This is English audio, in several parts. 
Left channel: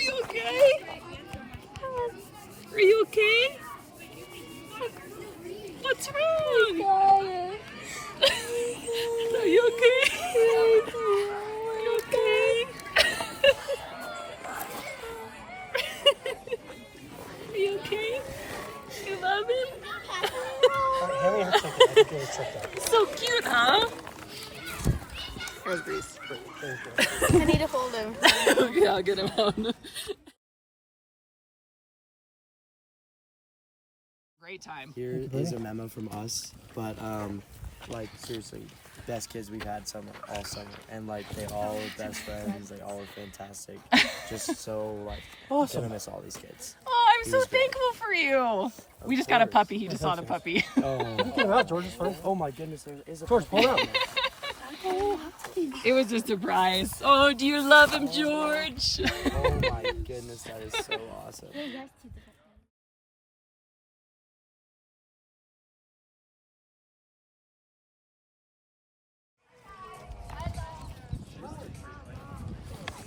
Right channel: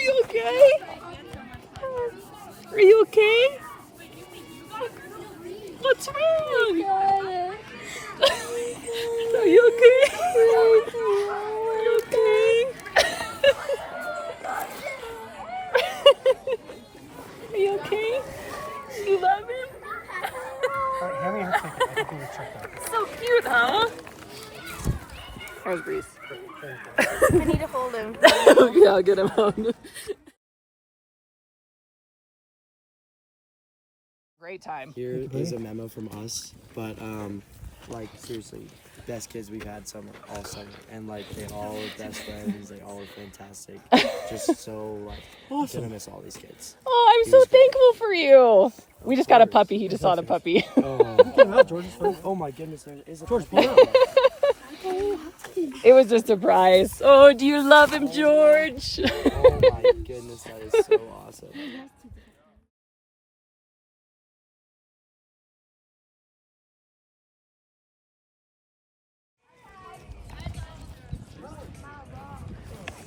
you okay? Are you okay? What's wrong? Are you okay? Are you okay? Are you okay? You love him? So cute, huh? How's Breeze? I need to hold him. Yeah, I'll get him out. Great time. Here is a memo from us, but like seriously, best kids we've had all summer, and like they all are best friends. They all are fantastic. Just so like awesome. Gonna miss all these kids. Oh, I'm He so was great. thankful for you. We just got a course. puppy. He just saw the puppy. Oh my goodness, there is a George, pull out. It was a surprise. Oh, do you love him, George? Oh my goodness, that is so awesome.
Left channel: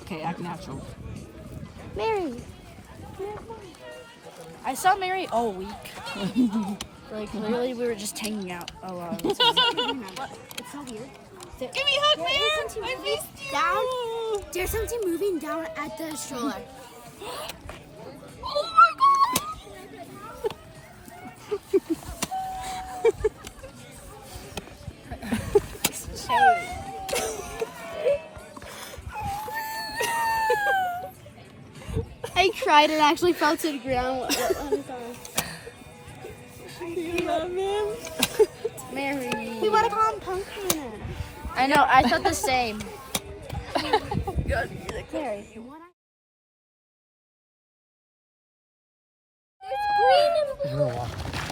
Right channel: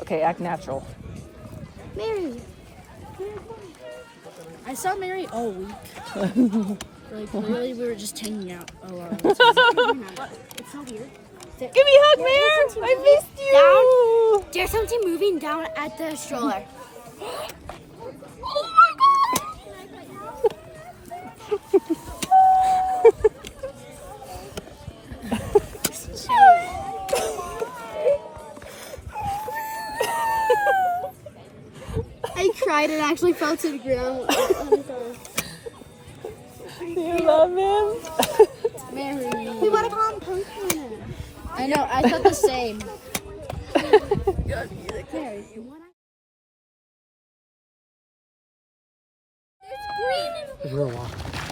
Okay, act natural. Mary. I saw Mary all week. Like literally, we were just hanging out. Oh, it's so weird. Give me a hug, man. I missed you. There's something moving down at the stroller. Oh my god. I cried and actually fell to the ground. You love him? Mary. We want to call him Pumpkin. I know. I thought the same. Mary. There's green.